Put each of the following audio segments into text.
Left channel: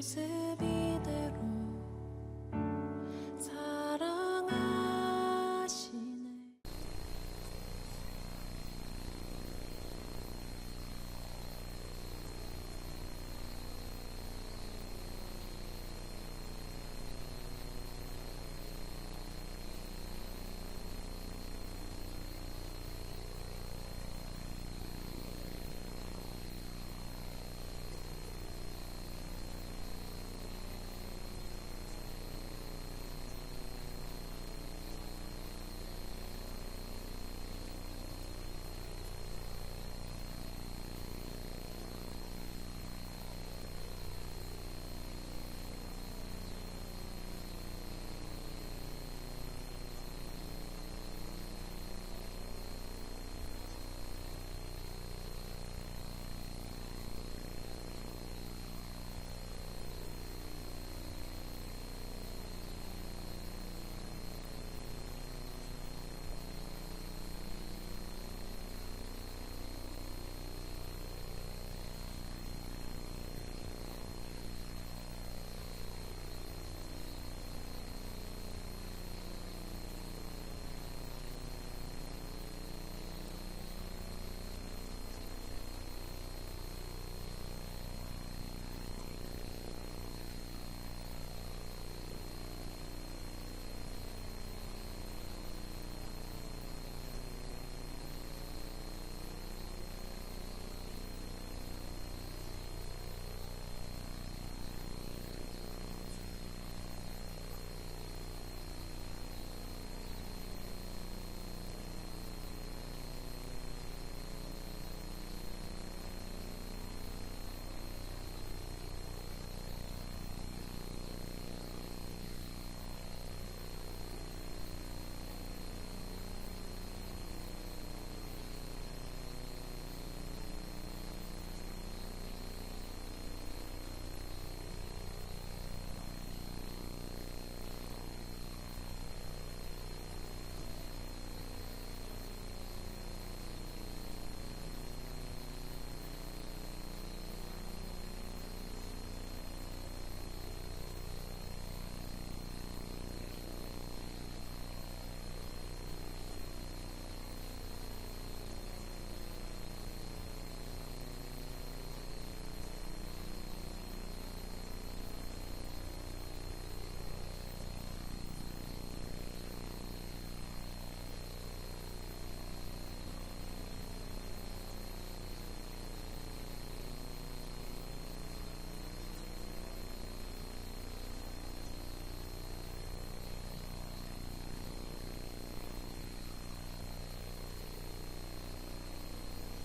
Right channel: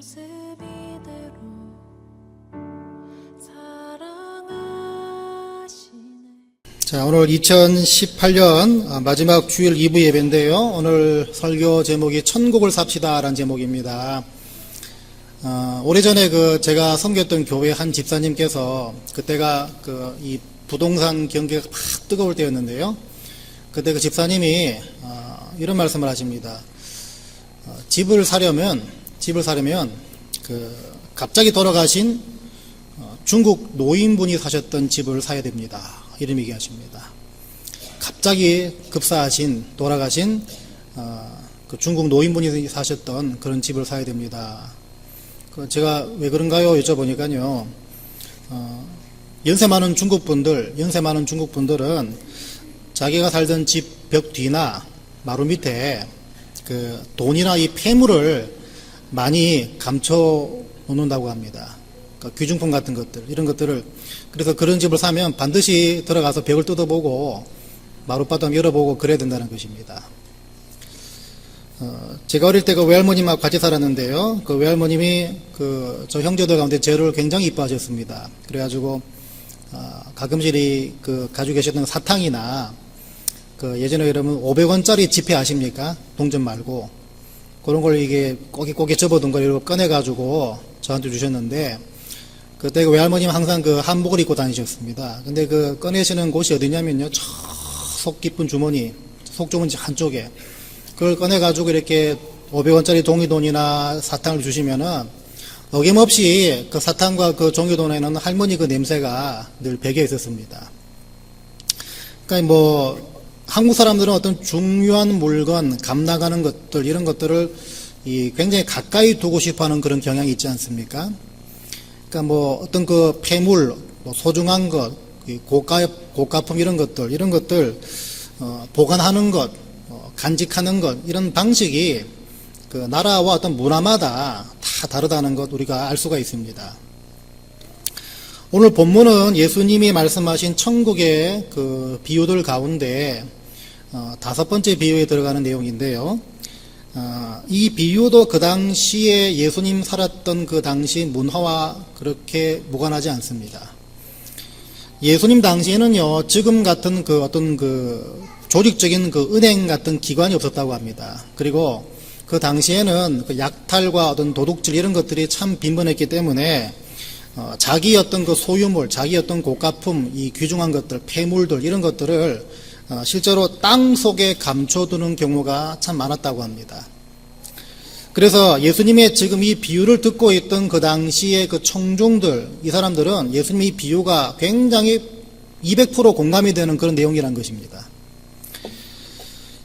모습 이대로 사랑하시네. 자, 오늘 2018년 마지막 주일 2부 예배인데요. 오늘 설교 제목이 천국을 삽시다 라는 제목입니다. 오래전에 제가 섬겼던 교회 한 집사님께서 그때가 이 부동산 경기가 막 뜨거울 때였는데요. 그때 그 집사님이 이런 말씀을 하십니다. 집을 사려면 갑자기 돌아가신 중국 노인분이 사셨던 집을 사야 됩니다. 이런 얘기하십니다. 갑자기 급사하신 돌아가신 그 중국 노인분이 사셨던 그런 집을 사야 됩니다. 제가 왜 그런가요? 여쭤보니까요. 연세 많은 중국 분들은 자기가 살던 집 벽 뒤나 마루 밑에 그 돈이나 이 폐물을 많이 감춰 놓는다고 합니다. 그러니까 귀중품 같은 것들, 이런 것들을. 그래서 그런 집을 사면 반드시 들어가서 벽을 뜯어보고 마룻바닥 열어보고 그래야 된다는 것입니다. 제가 어릴 때 그 외할머님하고 같이 살았는데요. 그 외할머님이 저 형제들 가운데 저를 굉장히 이뻐하셨습니다. 그래가지고 가끔씩 가지고 계셨던 사탕이나 예전에 여러분 500원짜리 지폐 아십니까? 동전 말고 그런 걸 이게 꼬깃꼬깃 접어둔 걸 이렇게 꺼내가지고 저한테 주셨는데, 그때 그 외할머님은 항상 한복을 입고 다니셨습니다. 근데 꺼내시는 곳이 어디냐면요, 저 속 깊은 주머니, 속 좁은 한쪽에 그걸 꺼내가지고 이렇게 500원짜리 종이돈이나 사탕을 주시면은 어김없이 그 사탕과 그 종이돈에는 할머니 그 냄새가 늘 배겨 있었습니다. 그러니까 한국 사람들은 어떤 중요한 물건, 감 나가는 것들, 이런 것들을 굉장히 가까이 두고 싶어 하는 그런 경향이 있지 않습니까? 그러니까 어떤 폐물, 소중한 것, 고가품 이런 것들, 보관하는 것, 간직하는 것, 이런 방식이 나라와 어떤 문화마다 다 다르다는 것 우리가 알 수가 있습니다. 오늘 본문은 예수님이 말씀하신 천국의 비유들 가운데 5번째 비유에 들어가는 내용인데요. 이 비유도 그 당시에 예수님 살았던 그 당시 문화와 그렇게 무관하지 않습니다. 예수님 당시에는요, 지금 같은 어떤 조직적인 은행 같은 기관이 없었다고 합니다. 그리고 그 당시에는 약탈과 어떤 도둑질 이런 것들이 참 빈번했기 때문에 자기 어떤 소유물, 자기 어떤 고가품, 이 귀중한 것들, 폐물들 이런 것들을 실제로 땅 속에 감춰두는 경우가 참 많았다고 합니다. 그래서 예수님의 지금 이 비유를 듣고 있던 그 당시의 청중들, 이 사람들은 예수님의 이 비유가 굉장히 200% 공감이 되는 그런 내용이란 것입니다.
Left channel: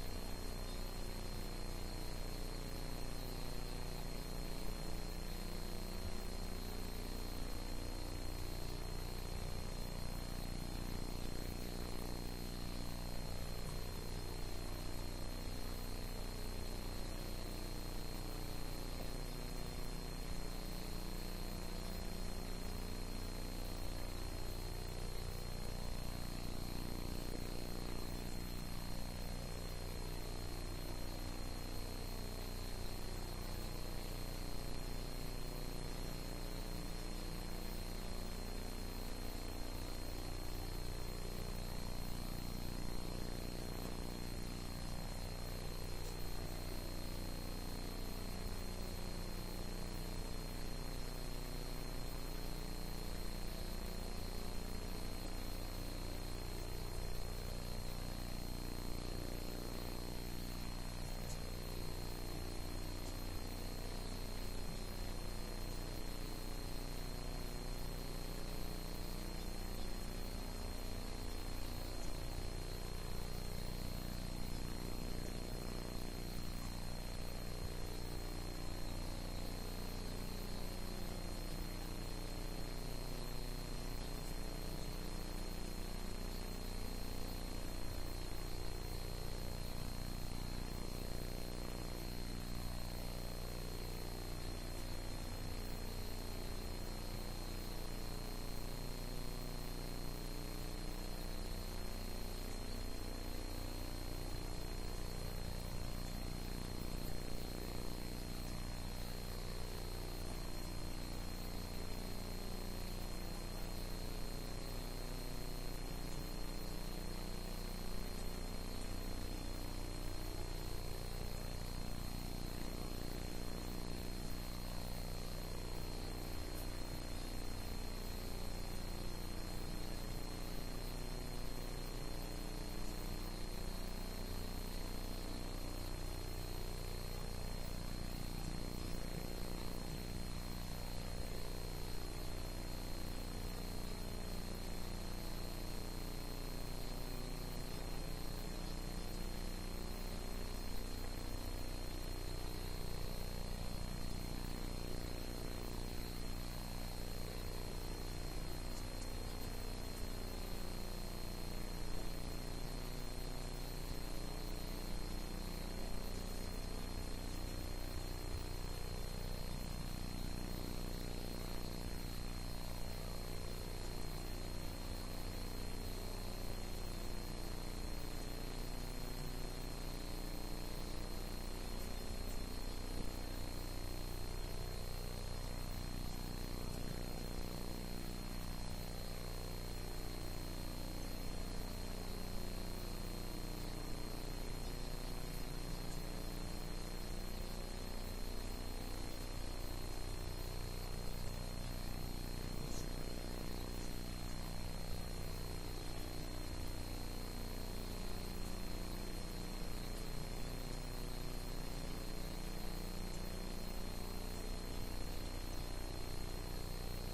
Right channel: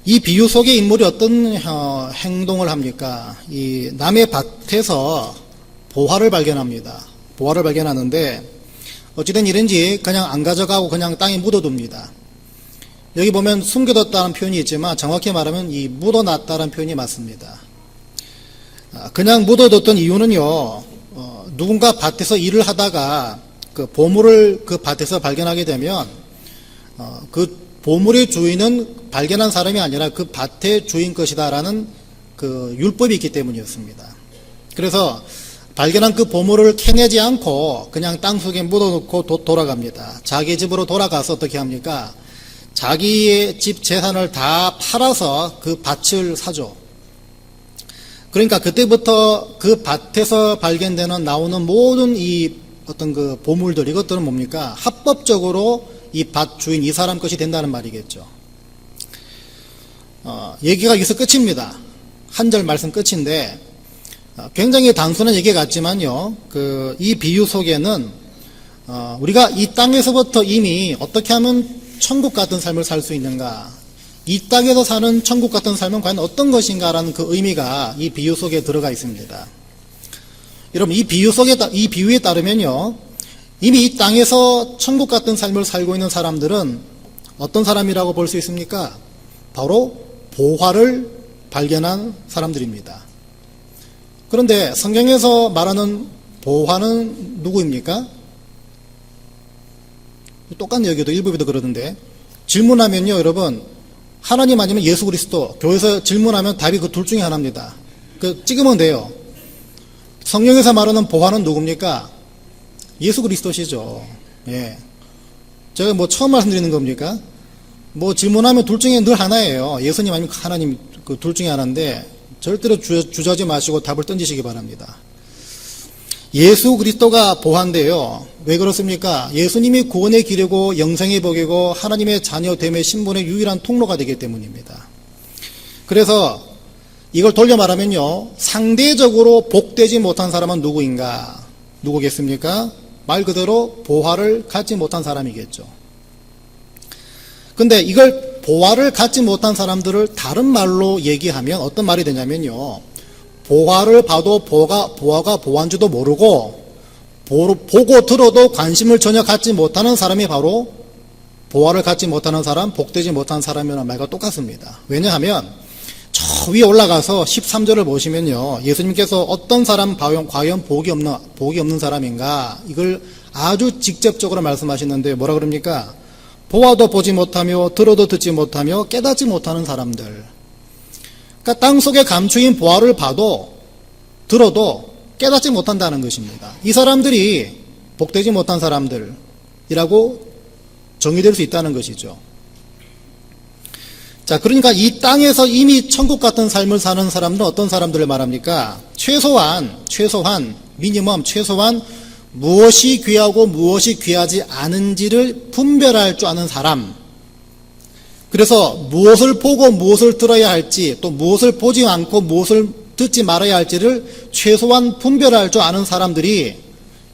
이 비유 속의 인물이 어떤 행동을 합니까? 이 남의 밭에서 보화를 발견합니다. 보화를 발견하는데 어찌된 일인지 그냥 안 가져가고 그냥 땅에 묻어둡니다. 여기 보면 숨겨뒀다는 표현이 있지만 정확히 말하면 이 묻어놨다는 표현이 맞습니다. 그냥 묻어뒀던 이유는요, 누군가 밭에서 일을 하다가 그 보물을 그 밭에서 발견하게 되면 그 보물의 주인은 발견한 사람이 아니라 그 밭의 주인 것이다라는 율법이 있기 때문이었습니다. 그래서 발견한 그 보물을 캐내지 않고 그냥 땅속에 묻어놓고 돌아갑니다. 자기 집으로 돌아가서 어떻게 합니까? 자기의 집 재산을 다 팔아서 그 밭을 사죠. 그러니까 그때부터 그 밭에서 발견되는 나오는 모든 이 어떤 보물들, 이것들은 뭡니까? 합법적으로 이 밭 주인, 이 사람 것이 된다는 말이겠죠. 얘기가 여기서 끝입니다. 한 절 말씀 끝인데 굉장히 단순한 얘기 같지만요, 이 비유 속에는 우리가 이 땅에서부터 이미 어떻게 하면 천국 같은 삶을 살 수 있는가, 이 땅에서 사는 천국 같은 삶은 과연 어떤 것인가라는 그 의미가 이 비유 속에 들어가 있습니다. 여러분, 이 비유에 따르면요, 이미 이 땅에서 천국 같은 삶을 살고 있는 사람들은 어떤 사람이라고 볼 수 있습니까? 바로 보화를 발견한 사람들입니다. 그런데 성경에서 말하는 보화는 누구입니까? 똑같네. 여기도 일부에도 그러던데, 질문하면요, 여러분, 하나님 아니면 예수 그리스도, 교회에서 질문하면 답이 그 둘 중에 하나입니다. 찍으면 돼요. 성경에서 말하는 보화는 누굽니까? 예수 그리스도시죠. 예. 제가 뭐 처음 말씀드리는 겁니까? 뭐 질문하면 둘 중에 늘 하나예요. 예수님 아니면 하나님, 그 둘 중에 하나인데 절대로 주저하지 마시고 답을 던지시기 바랍니다. 예수 그리스도가 보화인데요. 왜 그렇습니까? 예수님이 구원의 길이고 영생의 복이고 하나님의 자녀됨의 신분의 유일한 통로가 되기 때문입니다. 그래서 이걸 돌려 말하면요, 상대적으로 복되지 못한 사람은 누구인가? 누구겠습니까? 말 그대로 보화를 갖지 못한 사람이겠죠. 근데 이걸 보화를 갖지 못한 사람들을 다른 말로 얘기하면 어떤 말이 되냐면요, 보화를 봐도 보화가 보화인지도 모르고 보고 들어도 관심을 전혀 갖지 못하는 사람이 바로 보화를 갖지 못하는 사람, 복되지 못한 사람이라는 말과 똑같습니다. 왜냐하면 저 위에 올라가서 13절을 보시면요, 예수님께서 어떤 사람 과연 복이 없는 사람인가, 이걸 아주 직접적으로 말씀하시는데 뭐라 그럽니까? 보아도 보지 못하며 들어도 듣지 못하며 깨닫지 못하는 사람들. 그러니까 땅속에 감추인 보화를 봐도 들어도 깨닫지 못한다는 것입니다. 이 사람들이 복되지 못한 사람들이라고 정의될 수 있다는 것이죠. 자, 그러니까 이 땅에서 이미 천국 같은 삶을 사는 사람들은 어떤 사람들을 말합니까? 최소한 무엇이 귀하고 무엇이 귀하지 않은지를 분별할 줄 아는 사람. 그래서 무엇을 보고 무엇을 들어야 할지, 또 무엇을 보지 않고 무엇을 듣지 말아야 할지를 최소한 분별할 줄 아는 사람들이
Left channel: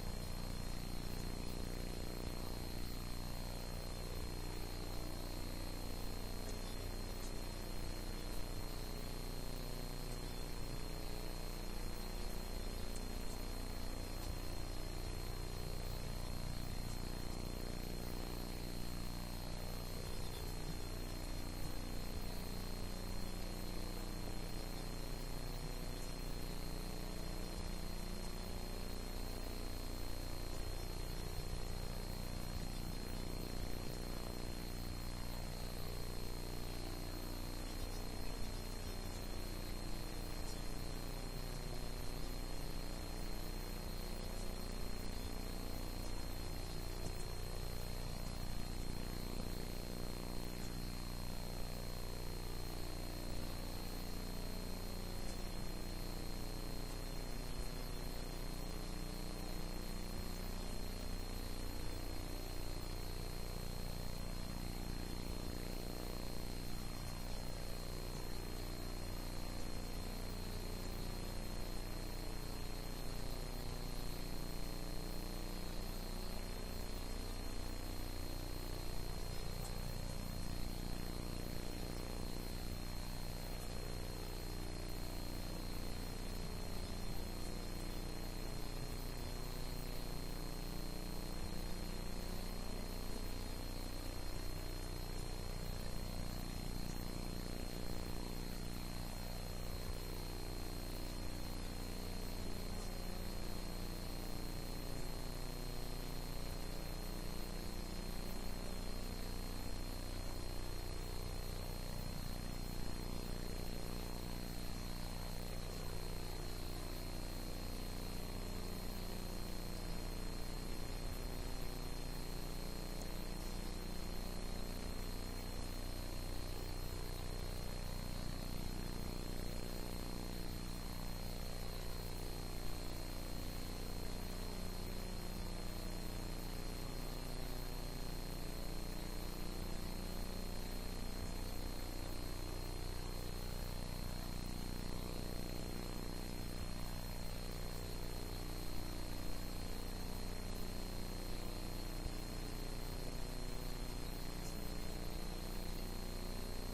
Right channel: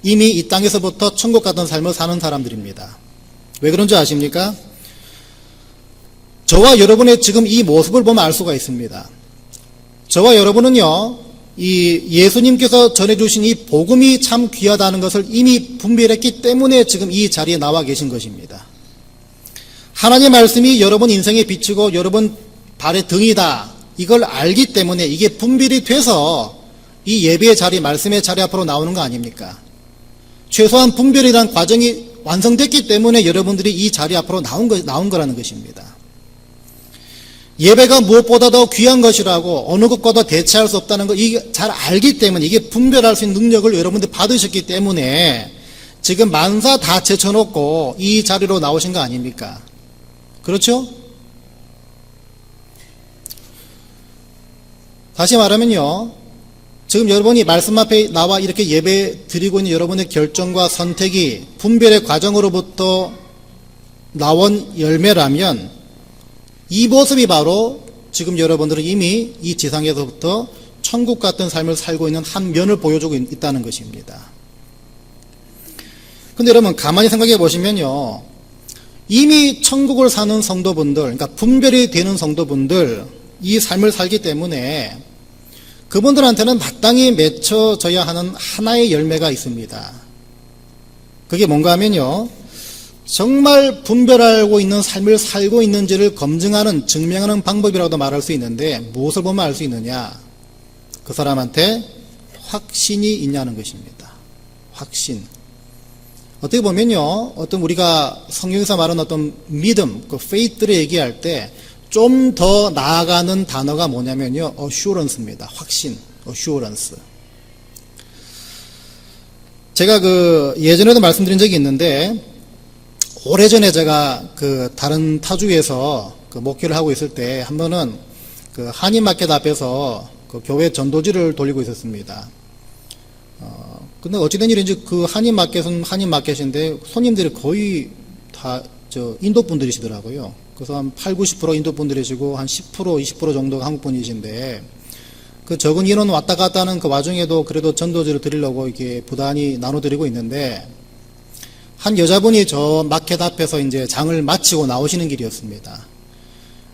이미 이 땅에서부터 천국 같은 삶을 사는 사람들입니다. 왜 그런지 아십니까? 저와 여러분의 지금 이 모습을 보면 알 수가 있습니다. 저와 여러분은요, 이 예수님께서 전해주신 이 복음이 참 귀하다는 것을 이미 분별했기 때문에 지금 이 자리에 나와 계신 것입니다. 하나님의 말씀이 여러분 인생에 비치고 여러분 발의 등이다, 이걸 알기 때문에 이게 분별이 돼서 이 예배의 자리, 말씀의 자리 앞으로 나오는 거 아닙니까? 최소한 분별이란 과정이 완성됐기 때문에 여러분들이 이 자리 앞으로 나온 거라는 것입니다. 예배가 무엇보다 더 귀한 것이라고, 어느 것과도 대체할 수 없다는 걸 이게 잘 알기 때문에, 이게 분별할 수 있는 능력을 여러분들이 받으셨기 때문에 지금 만사 다 제쳐놓고 이 자리로 나오신 거 아닙니까? 그렇죠? 다시 말하면요, 지금 여러분이 말씀 앞에 나와 이렇게 예배 드리고 있는 여러분의 결정과 선택이 분별의 과정으로부터 나온 열매라면 이 모습이 바로 지금 여러분들은 이미 이 지상에서부터 천국 같은 삶을 살고 있는 한 면을 보여주고 있다는 것입니다. 근데 여러분 가만히 생각해 보시면요, 이미 천국을 사는 성도분들, 그러니까 분별이 되는 성도분들, 이 삶을 살기 때문에 그분들한테는 마땅히 맺혀져야 하는 하나의 열매가 있습니다. 그게 뭔가 하면요, 정말 분별하고 있는 삶을 살고 있는지를 검증하는, 증명하는 방법이라고도 말할 수 있는데, 무엇을 보면 알 수 있느냐? 그 사람한테 확신이 있냐는 것입니다. 확신. 어떻게 보면요, 어떤 우리가 성경에서 말하는 어떤 믿음, 그 faith를 얘기할 때 좀 더 나아가는 단어가 뭐냐면요, assurance입니다. 확신, assurance. 제가 예전에도 말씀드린 적이 있는데, 오래전에 제가 다른 타주에서 목회를 하고 있을 때 한 번은 한인마켓 앞에서 교회 전도지를 돌리고 있었습니다. 근데 어찌된 일인지 한인마켓은 한인마켓인데 손님들이 거의 다 인도 분들이시더라고요. 그래서 한 80-90% 인도 분들이시고 한 10% 20% 정도가 한국 분이신데, 그 적은 인원 왔다 갔다 하는 그 와중에도 그래도 전도지를 드리려고 이렇게 부단히 나눠드리고 있는데, 한 여자분이 저 마켓 앞에서 이제 장을 마치고 나오시는 길이었습니다.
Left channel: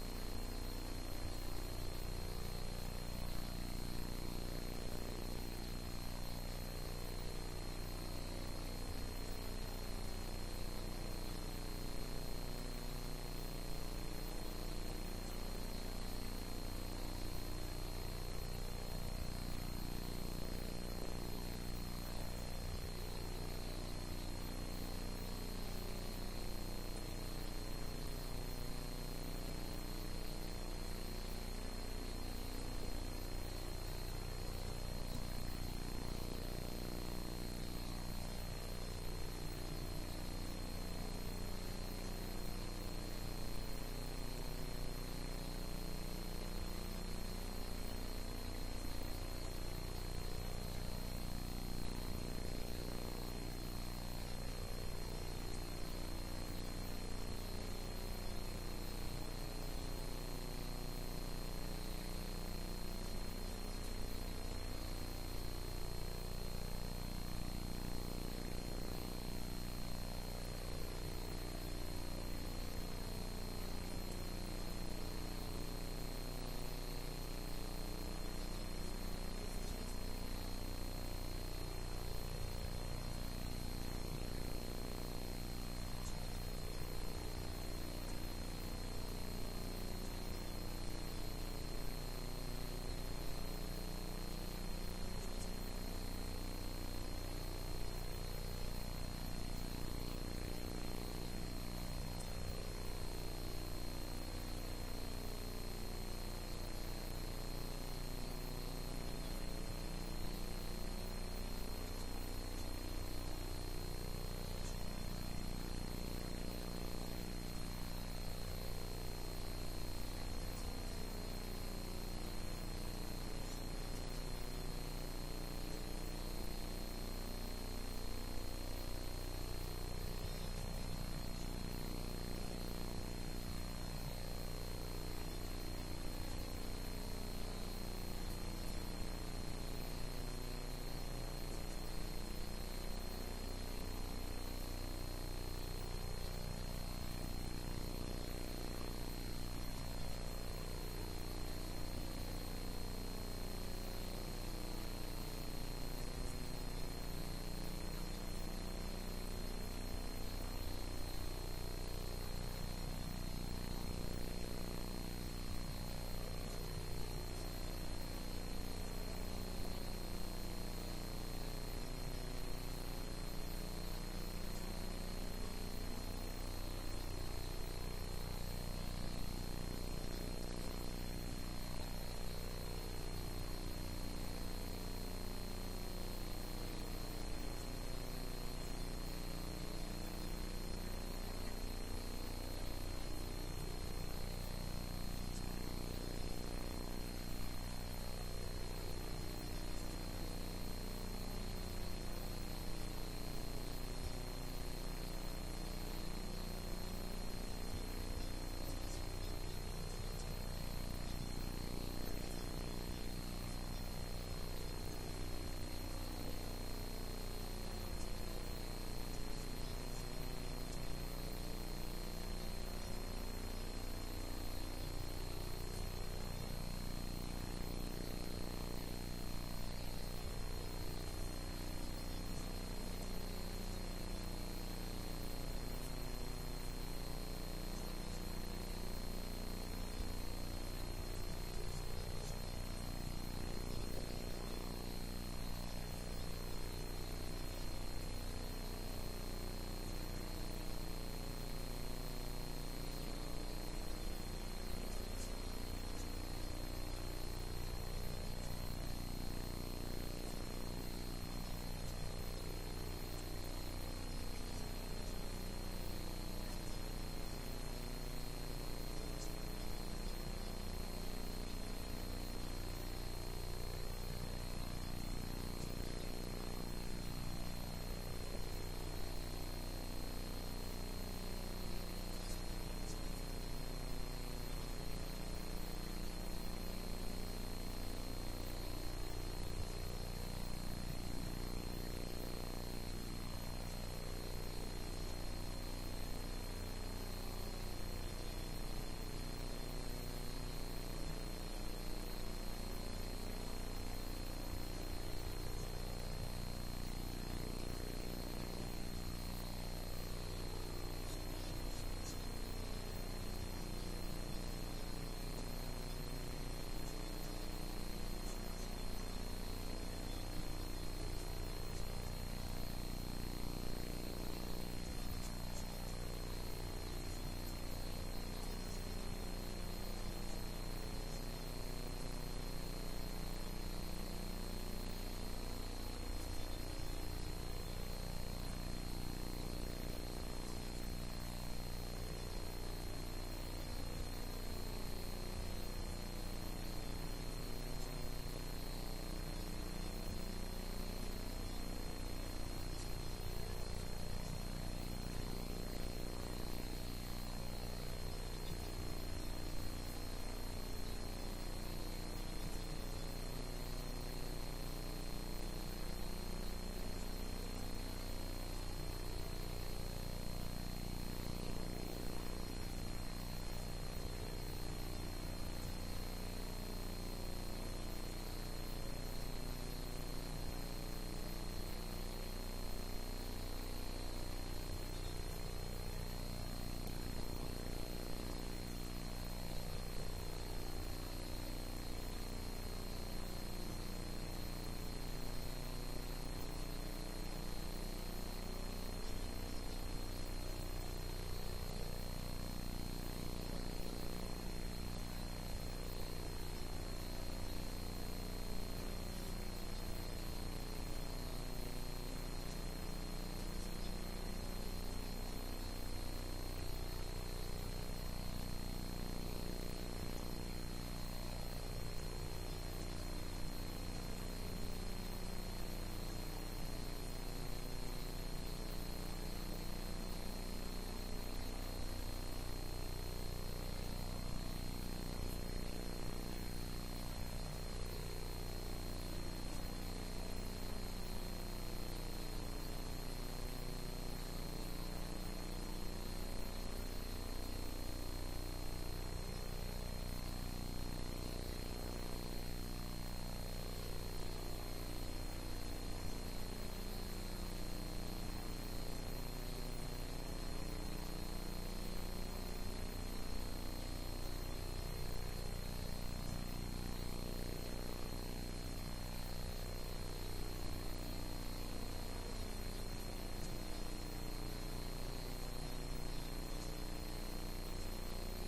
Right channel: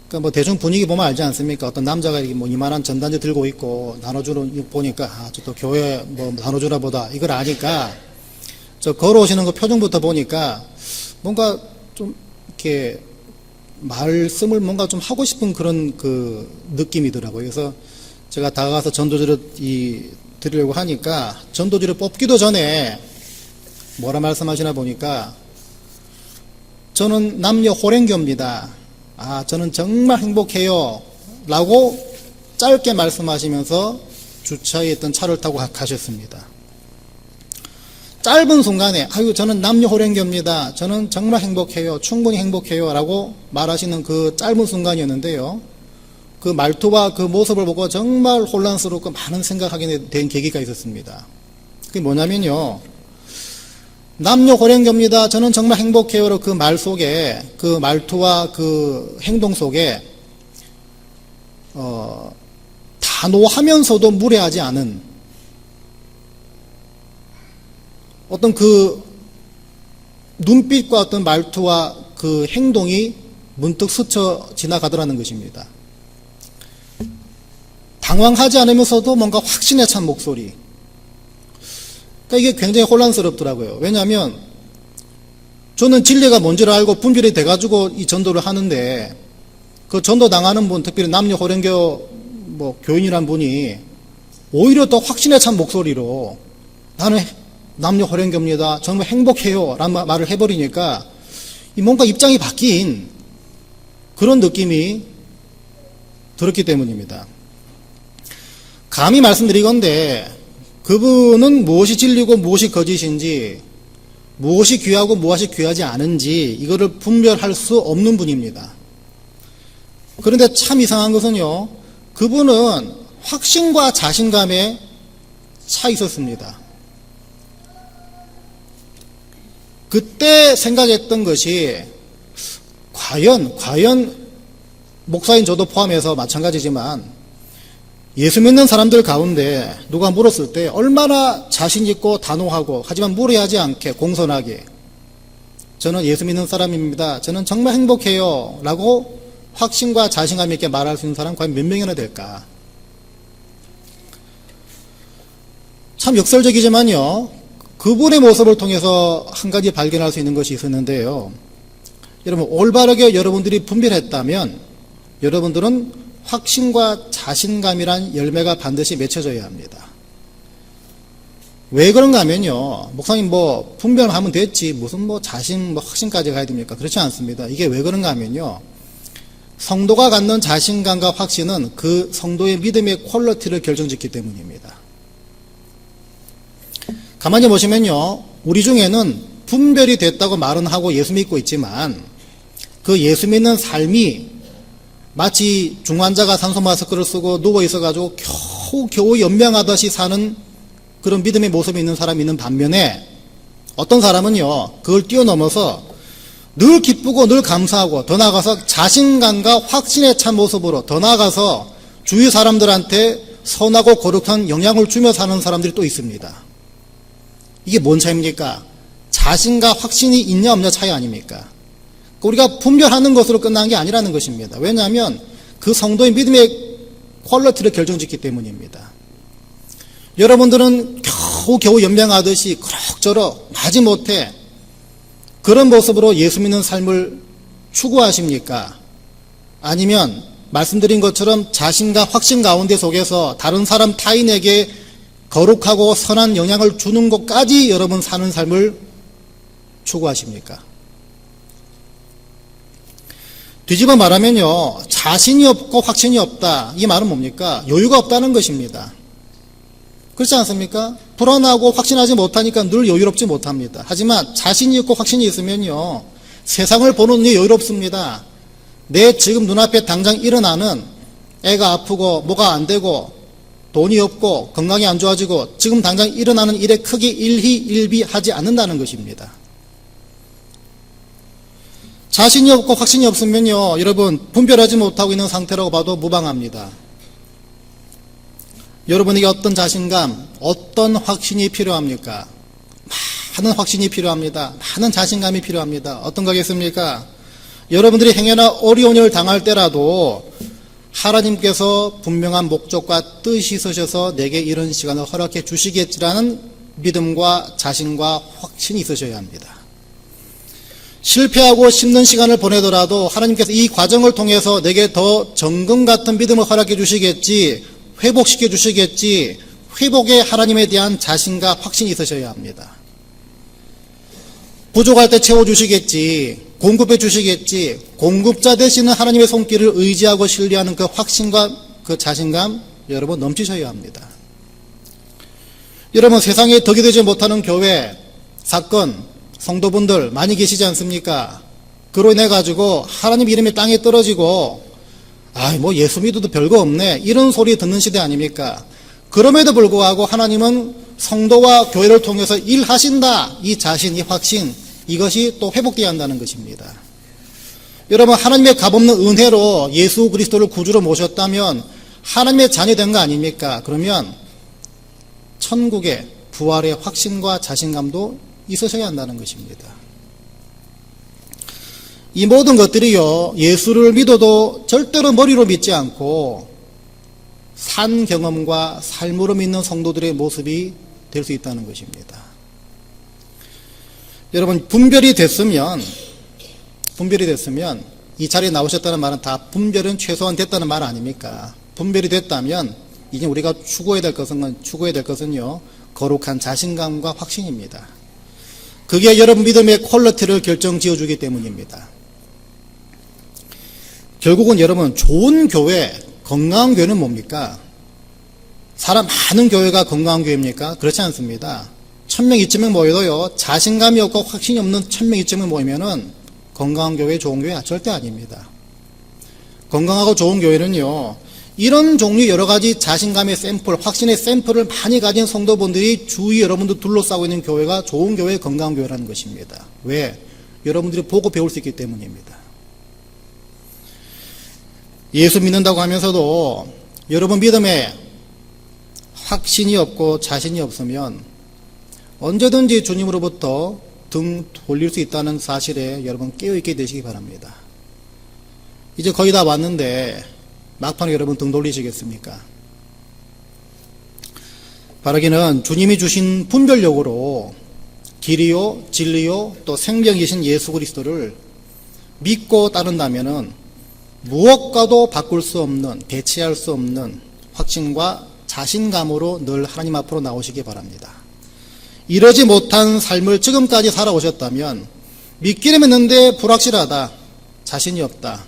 그러니까 뭐 대충 분위기 보면 알지 않습니까? 어떤 남자가 이렇게 뭐 이만한 전단지 들고 있고 나눠주는 보니까, 저 또 교회 뭐 나눠주나 보다, 이걸 아니까 저 걸어오시는 거 표정부터 보니까 뭔가 좀 이렇게 말씀을 뭔가 좀 하고 싶은 그런 느낌이더라고요. 그래서 제가 다가가서 전도지를 드리려고 하니까 전도지를 뽑기도 전에 뭐라 말씀하시나 보니까, 저는 남녀 호랭교입니다. 저는 정말 행복해요 라고 짧게 말씀하시면서 주차에 있던 차를 타고 가셨습니다. 짧은 순간에 아유 저는 남녀 호랭교입니다. 저는 정말 행복해요. 충분히 행복해요. 라고 말하시는 그 짧은 순간이었는데요. 그 말투와 그 모습을 보고 정말 혼란스럽고 많은 생각하게 된 계기가 있었습니다. 그게 뭐냐면요. 남녀 호랭교입니다. 저는 정말 행복해요. 그 말 속에 그 말투와 그 행동 속에 단호하면서도 무례하지 않은 어떤 그 눈빛과 어떤 말투와 그 행동이 문득 스쳐 지나가더라는 것입니다. 당황하지 않으면서도 뭔가 확신에 찬 목소리. 그러니까 이게 굉장히 혼란스럽더라고요. 왜냐하면 저는 진리가 뭔지를 알고 분별이 돼가지고 이 전도를 하는데 그 전도 당하는 분, 특별히 남녀 호랭교 교인이란 분이 오히려 더 확신에 찬 목소리로 나는 남녀 호랭교입니다. 정말 행복해요. 라는 말을 해버리니까 뭔가 입장이 바뀐 그런 느낌이 들었기 때문입니다. 감히 말씀드리건대 그분은 무엇이 진리고 무엇이 거짓인지 무엇이 귀하고 무엇이 귀하지 않은지 이거를 분별할 수 없는 분입니다. 그런데 참 이상한 것은요. 그분은 확신과 자신감에 차 있었습니다. 그때 생각했던 것이 과연 목사인 저도 포함해서 마찬가지지만 예수 믿는 사람들 가운데 누가 물었을 때 얼마나 자신 있고 단호하고 하지만 무례하지 않게 공손하게 저는 예수 믿는 사람입니다. 저는 정말 행복해요. 라고 확신과 자신감 있게 말할 수 있는 사람 과연 몇 명이나 될까? 참 역설적이지만요. 그분의 모습을 통해서 한 가지 발견할 수 있는 것이 있었는데요. 여러분 올바르게 여러분들이 분별했다면 여러분들은 확신과 자신감이란 열매가 반드시 맺혀져야 합니다. 왜 그런가 하면요. 목사님 분별하면 됐지 무슨 자신 확신까지 가야 됩니까? 그렇지 않습니다. 이게 왜 그런가 하면요. 성도가 갖는 자신감과 확신은 그 성도의 믿음의 퀄리티를 결정짓기 때문입니다. 가만히 보시면요. 우리 중에는 분별이 됐다고 말은 하고 예수 믿고 있지만 그 예수 믿는 삶이 마치 중환자가 산소 마스크를 쓰고 누워 있어가지고 겨우 연명하듯이 사는 그런 믿음의 모습이 있는 사람이 있는 반면에 어떤 사람은요. 그걸 뛰어넘어서 늘 기쁘고 늘 감사하고 더 나아가서 자신감과 확신에 찬 모습으로 더 나아가서 주위 사람들한테 선하고 거룩한 영향을 주며 사는 사람들이 또 있습니다. 이게 뭔 차이입니까? 자신과 확신이 있냐 없냐 차이 아닙니까? 우리가 분별하는 것으로 끝난 게 아니라는 것입니다. 왜냐하면 그 성도의 믿음의 퀄리티를 결정짓기 때문입니다. 여러분들은 겨우 연명하듯이 그럭저럭 마지못해 그런 모습으로 예수 믿는 삶을 추구하십니까? 아니면 말씀드린 것처럼 자신과 확신 가운데 속에서 다른 사람 타인에게 거룩하고 선한 영향을 주는 것까지 여러분 사는 삶을 추구하십니까? 뒤집어 말하면요. 자신이 없고 확신이 없다. 이 말은 뭡니까? 여유가 없다는 것입니다. 그렇지 않습니까? 불안하고 확신하지 못하니까 늘 여유롭지 못합니다. 하지만 자신이 있고 확신이 있으면요. 세상을 보는 눈이 여유롭습니다. 내 지금 눈앞에 당장 일어나는 애가 아프고 뭐가 안 되고 돈이 없고 건강이 안 좋아지고 지금 당장 일어나는 일에 크게 일희일비하지 않는다는 것입니다. 자신이 없고 확신이 없으면요. 여러분 분별하지 못하고 있는 상태라고 봐도 무방합니다. 여러분에게 어떤 자신감, 어떤 확신이 필요합니까? 많은 확신이 필요합니다. 많은 자신감이 필요합니다. 어떤 거겠습니까? 여러분들이 행여나 어려운 일을 당할 때라도 하나님께서 분명한 목적과 뜻이 있으셔서 내게 이런 시간을 허락해 주시겠지라는 믿음과 자신과 확신이 있으셔야 합니다. 실패하고 힘든 시간을 보내더라도 하나님께서 이 과정을 통해서 내게 더 정금 같은 믿음을 허락해 주시겠지, 회복시켜 주시겠지, 회복의 하나님에 대한 자신과 확신이 있으셔야 합니다. 부족할 때 채워주시겠지, 공급해 주시겠지, 공급자 되시는 하나님의 손길을 의지하고 신뢰하는 그 확신과 그 자신감 여러분 넘치셔야 합니다. 여러분, 세상에 덕이 되지 못하는 교회, 사건, 성도분들 많이 계시지 않습니까? 그로 인해 가지고 하나님 이름이 땅에 떨어지고 뭐 예수 믿어도 별거 없네, 이런 소리 듣는 시대 아닙니까? 그럼에도 불구하고 하나님은 성도와 교회를 통해서 일하신다, 이 자신, 이 확신, 이것이 또 회복되어야 한다는 것입니다. 여러분, 하나님의 값없는 은혜로 예수 그리스도를 구주로 모셨다면 하나님의 자녀된 거 아닙니까? 그러면 천국의 부활의 확신과 자신감도 있으셔야 한다는 것입니다. 이 모든 것들이요, 예수를 믿어도 절대로 머리로 믿지 않고 산 경험과 삶으로 믿는 성도들의 모습이 될 수 있다는 것입니다. 여러분, 분별이 됐으면 이 자리에 나오셨다는 말은 다 분별은 최소한 됐다는 말 아닙니까? 분별이 됐다면 이제 우리가 추구해야 될 것은요, 거룩한 자신감과 확신입니다. 그게 여러분 믿음의 퀄리티를 결정지어주기 때문입니다. 결국은 여러분, 좋은 교회, 건강한 교회는 뭡니까? 사람 많은 교회가 건강한 교회입니까? 그렇지 않습니다. 1000명, 2000명 모여도요, 자신감이 없고 확신이 없는 1000명, 2000명 모이면은 건강한 교회, 좋은 교회 절대 아닙니다. 건강하고 좋은 교회는요, 이런 종류 여러 가지 자신감의 샘플, 확신의 샘플을 많이 가진 성도분들이 주위 여러분들 둘러싸고 있는 교회가 좋은 교회, 건강한 교회라는 것입니다. 왜? 여러분들이 보고 배울 수 있기 때문입니다. 예수 믿는다고 하면서도 여러분 믿음에 확신이 없고 자신이 없으면 언제든지 주님으로부터 등 돌릴 수 있다는 사실에 여러분 깨어있게 되시기 바랍니다. 이제 거의 다 왔는데 막판에 여러분 등 돌리시겠습니까? 바라기는 주님이 주신 분별력으로 길이요, 진리요, 또 생명이신 예수 그리스도를 믿고 따른다면은 무엇과도 바꿀 수 없는, 배치할 수 없는 확신과 자신감으로 늘 하나님 앞으로 나오시기 바랍니다. 이러지 못한 삶을 지금까지 살아오셨다면, 믿기는 믿는데 불확실하다, 자신이 없다,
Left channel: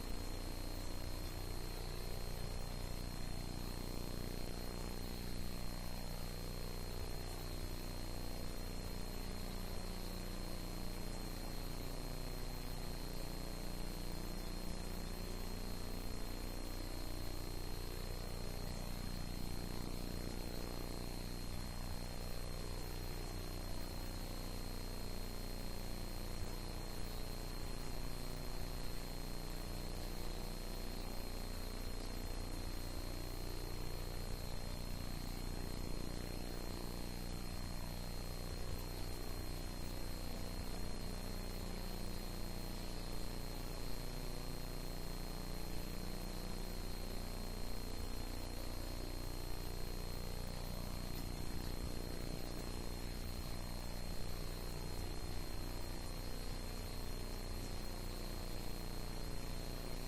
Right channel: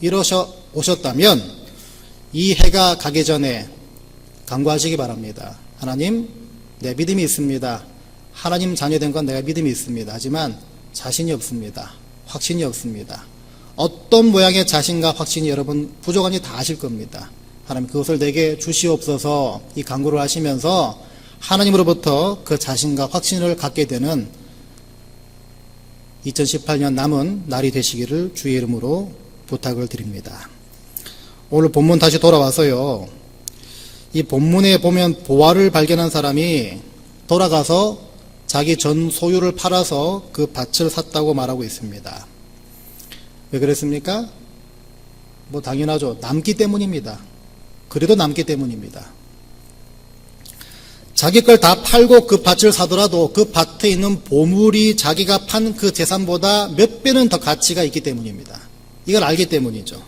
이러셔 오셨다면 이 해가 가기 전에 간구하시기 바랍니다. 하나님, 내 믿음이 있습니다. 하나님 자녀된 건 내가 믿음이 있습니다. 하지만 자신이 없습니다. 확신이 없습니다. 어떤 모양의 자신과 확신이 여러분 부족한지 다 아실 겁니다. 하나님, 그것을 내게 주시옵소서, 이 간구를 하시면서 하나님으로부터 그 자신과 확신을 갖게 되는 2018년 남은 날이 되시기를 주의 이름으로 부탁을 드립니다. 오늘 본문 다시 돌아와서요, 이 본문에 보면 보화를 발견한 사람이 돌아가서 자기 전 소유를 팔아서 그 밭을 샀다고 말하고 있습니다. 왜 그랬습니까? 뭐 당연하죠. 남기 때문입니다. 그래도 남기 때문입니다. 자기 걸 다 팔고 그 밭을 사더라도 그 밭에 있는 보물이 자기가 판 그 재산보다 몇 배는 더 가치가 있기 때문입니다. 이걸 알기 때문이죠.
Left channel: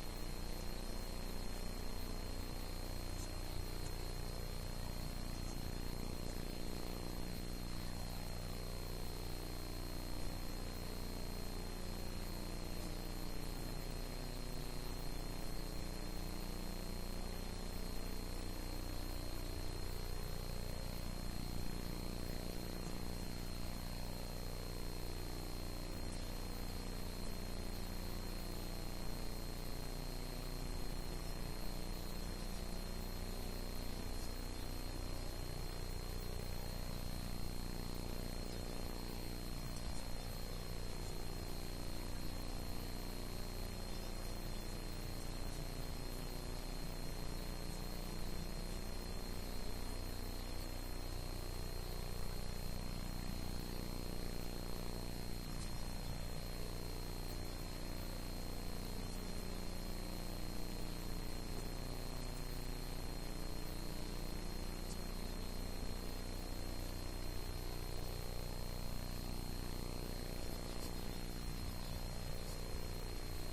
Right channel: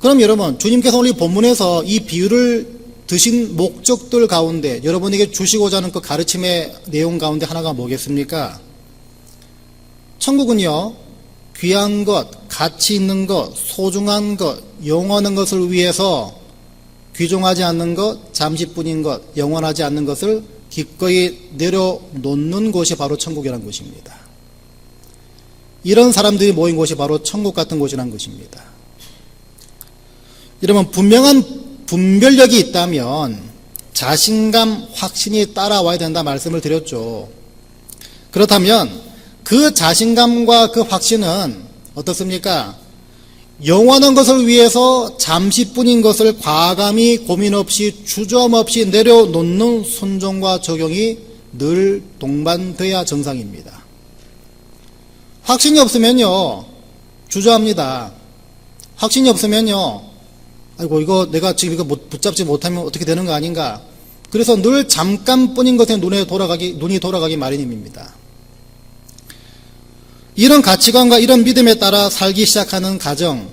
그럼 여러분, 주님께서 오늘 이 본문에서 이 비유를 드신 목적들 가운데 여러분에게 주시고자 하는 그 가르침의 내용 가운데 하나가 뭐겠습니까? 천국은요, 귀한 것, 가치 있는 것, 소중한 것, 영원한 것을 위해서 귀중하지 않는 것, 잠시뿐인 것, 영원하지 않는 것을 기꺼이 내려놓는 곳이 바로 천국이라는 것입니다. 이런 사람들이 모인 곳이 바로 천국 같은 곳이라는 것입니다. 여러분, 분명한 분별력이 있다면 자신감, 확신이 따라와야 된다 말씀을 드렸죠. 그렇다면 그 자신감과 그 확신은 어떻습니까? 영원한 것을 위해서 잠시뿐인 것을 과감히 고민 없이 주저함 없이 내려놓는 순종과 적용이 늘 동반돼야 정상입니다. 확신이 없으면요, 주저합니다. 확신이 없으면요, 아이고, 이거 내가 지금 이거 붙잡지 못하면 어떻게 되는 거 아닌가. 그래서 늘 잠깐뿐인 것에 눈이 돌아가기 마련입니다. 이런 가치관과 이런 믿음에 따라 살기 시작하는 가정,